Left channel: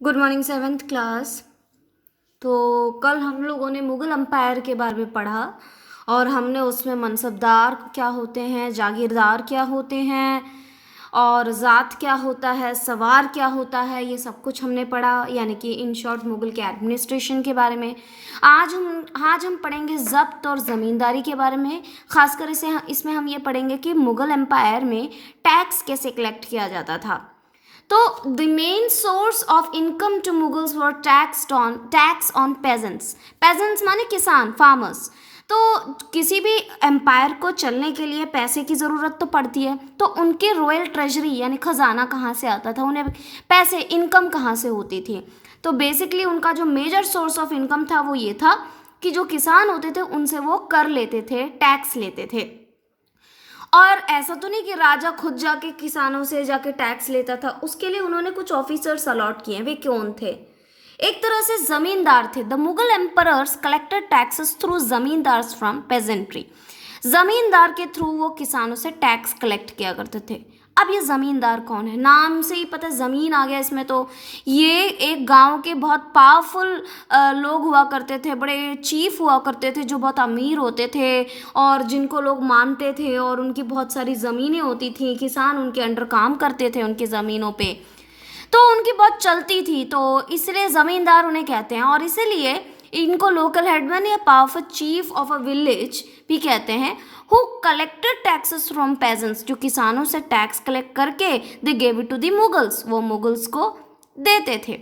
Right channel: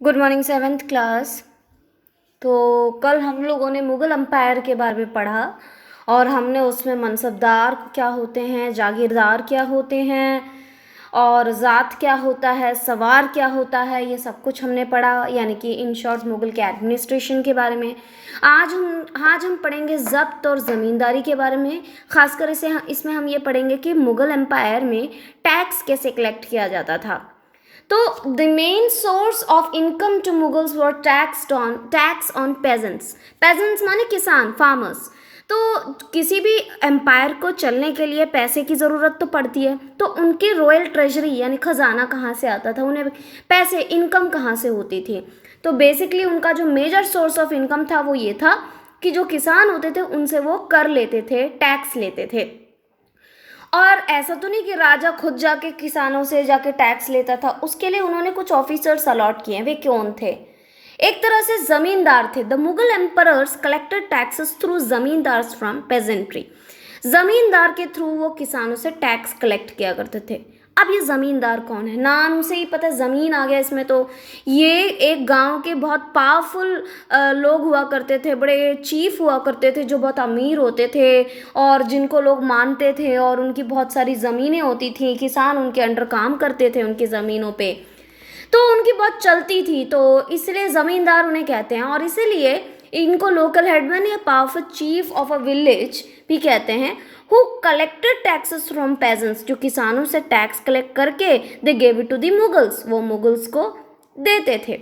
Good morning seventh class. तो कल हम लोगों ने मुग़ल एम्पायर के बारे में पढ़ा और हमने उसमें मनसबदार क्या होते हैं, जागीरदार क्या होते हैं और ज़ात क्या होता है, सवार क्या होता है, ये सब कुछ हमने पढ़ा। यानी कि इन शॉर्ट मुग़ल के एडमिनिस्ट्रेशन के बारे में। आज हम पढ़ेंगे ज़ब्त और ज़मींदारी के बारे में। ख़ासकर इसमें हम ये पढ़ेंगे कि मुग़ल एम्पायर में टैक्स कैसे कलेक्ट किया जाता था। तो the main source of income to Mughals were tax on peasants माने किसान, फार्मर्स। तो किसी भी एम्पायर को चलने के लिए पैसे की ज़रूरत तो पड़ती है, तो उनके रॉयल ट्रेजरी यानी खजाना कहाँ से आता था, उन्हें पैसे इनकम कहाँ से होती थी। तो बेसिकली उनका जो मेजर सोर्स ऑफ इनकम था वो ये था कि जो किसान होते थे उनसे वो कर लेते थे, टैक्स लेते थे। और ऐसा तो नहीं कि राजा खुद जाके किसानों से जाके टैक्स लेता था, उसके लिए उन्होंने कुछ ऑफिसर्स अलॉट किए हैं। वे कौन थे? एक तरह से जमींदार थे। The Mughal emperors collected taxes through zamindars from pageantry. जमींदार के थ्रू वो किसानों से टैक्स कलेक्ट किया करते थे। अब ये ज़मींदार कौन है? नाम से ही पता है, ज़मीन आ गया इसमें। तो ये एक गांव के बहुत पावरफुल लोग हुआ करते थे, बड़े चीफ हुआ करते थे जो बहुत अमीर होते थे और जिनको लोग मानते थे, और उनकी बहुत सारी ज़मीनें होती थी। किसान उनके अंडर काम करते थे उनकी ज़मीनों पे, तो उनकी बहुत चलती थी। तो इसलिए ज़मींदार उन्हें कहते हैं, और इसीलिए इनको लोकल हेडमैन या powerful chief of a village भी कहते हैं। Who collected taxes from peasants, जो किसानों से टैक्स कलेक्ट करके they gave it to the Mughals, वो मुगल्स को देते थे।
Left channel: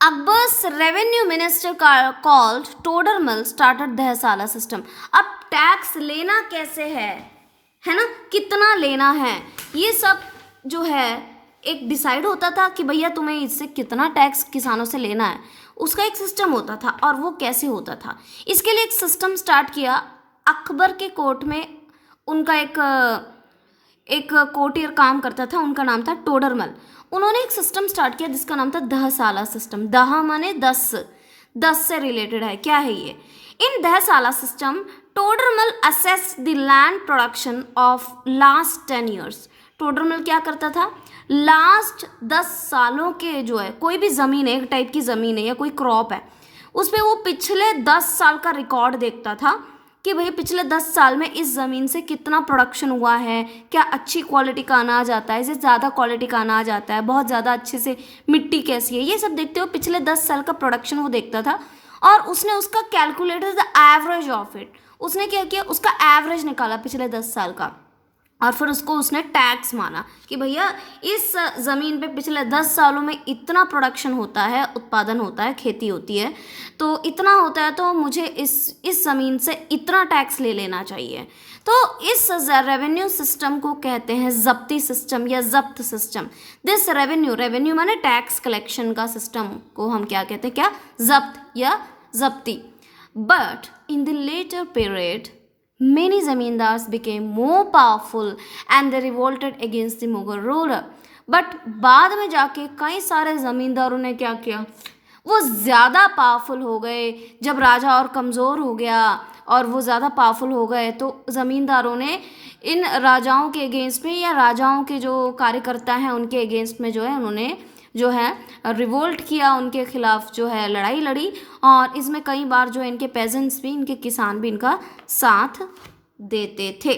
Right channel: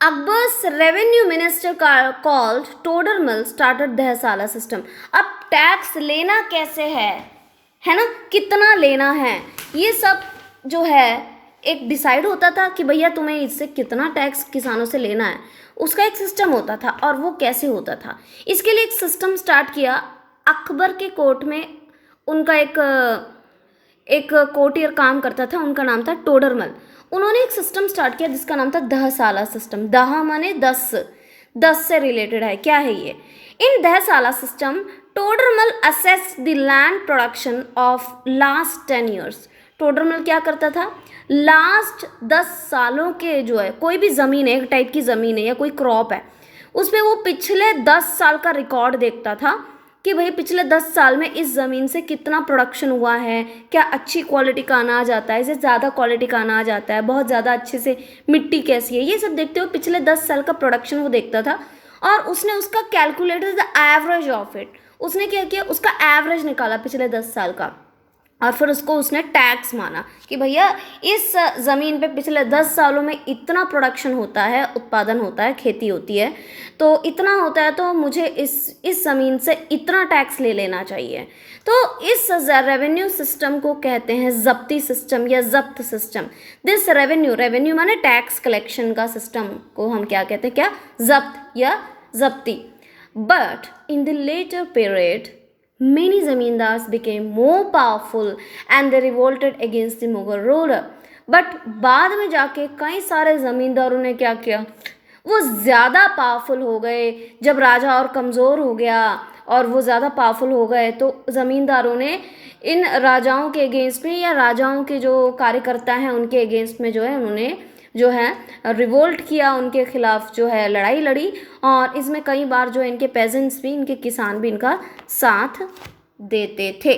Akbar's revenue minister called Todarmal started Dahsala system. अब टैक्स लेना कैसे है ना, कितना लेना है, ये सब जो है एक डिसाइड होता था कि भैया तुम्हें इससे कितना टैक्स किसानों से लेना है। उसका एक सिस्टम होता था। और वो कैसे होता था, इसके लिए एक सिस्टम स्टार्ट किया अकबर के कोर्ट में। उनका एक कोर्टियर काम करता था, उनका नाम था टोडरमल। उन्होंने एक सिस्टम स्टार्ट किया जिसका नाम था दहसाला सिस्टम। दह माने 10 से रिलेटेड है। क्या है ये? In Dahsala system Todarmal assessed the land production of last 10 years. Todarmal क्या करता था? लास्ट 10 सालों के जो है, कोई भी ज़मीन है, एक टाइप की ज़मीन है या कोई क्रॉप है, उस पर वो पिछले 10 साल का रिकॉर्ड देखता था कि भाई पिछले 10 साल में इस ज़मीन से कितना प्रोडक्शन हुआ है, क्या अच्छी क्वालिटी का अनाज आता है, इसे ज़्यादा क्वालिटी का अनाज आता है, बहुत ज़्यादा अच्छे से मिट्टी कैसी है, ये सब देखते हुए पिछले 10 साल का प्रोडक्शन वो देखता था। और उसने उसका calculated the average of it. उसने क्या किया, उसका एवरेज निकाला पिछले 10 साल का, और फिर उसको उसने टैक्स माना कि भैया इस ज़मीन पे पिछले 10 सालों में इतना प्रोडक्शन होता है, उत्पादन होता है, खेती होती है, तो इतना होता है, तो मुझे इस ज़मीन से इतना टैक्स ले लेना चाहिए। तो इस रेवेन्यू सिस्टम को कहते हैं ज़ब्ती सिस्टम या ज़ब्त सिस्टम। दिस रेवेन्यू माने टैक्स कलेक्शन का सिस्टम को हम क्या कहते हैं? क्या? ज़ब्त या Zabti. But in the later period many zamindars became more powerful and they revolted against the Mughal ruler. But बाद में जाके कई सारे ज़मींदारों ने क्या किया, वो ज़्यादा पावरफुल हो गए। जब राजा और कमज़ोर हो गया और वो ज़्यादा पावरफुल हो गए, तो ज़मींदारों ने इन राजाओं के अगेंस्ट में या राजाओं के जो कार्यकर्ता हैं उनके अगेंस्ट में जो है उन्होंने जो है रिवोल्ट किया, उनके खिलाफ जो है लड़ाई लड़ी। और इसमें कई बार जो इनके पेजेंट्स भी, इनके किसान भी इनका साथ देते थे।